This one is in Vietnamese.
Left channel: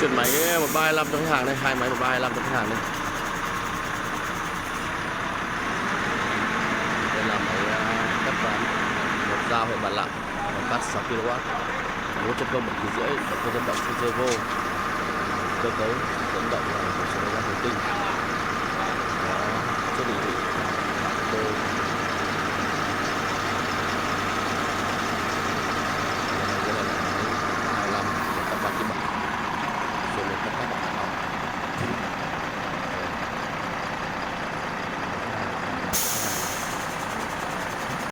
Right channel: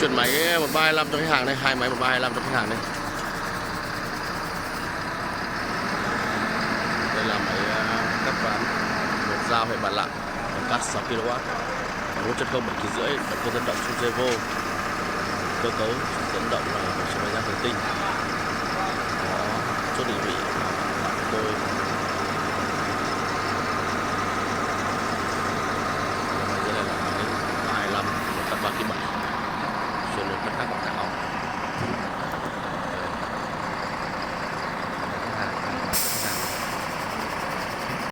chuyển máy 1325 cho khách hàng đây, hai máy 1325 cho khách hàng đây. Đây là máy cắt ván một dao hệ bàn lặng, cắt 6 kW, 1.0 7,5 kg, động cơ dẫn động Suzevo, cơ cấu dẫn động là một số máy da thủy tinh, có số định vị của tôi. Đây là máy 325 cắt 3 kg, chuyển lên cắt các bậc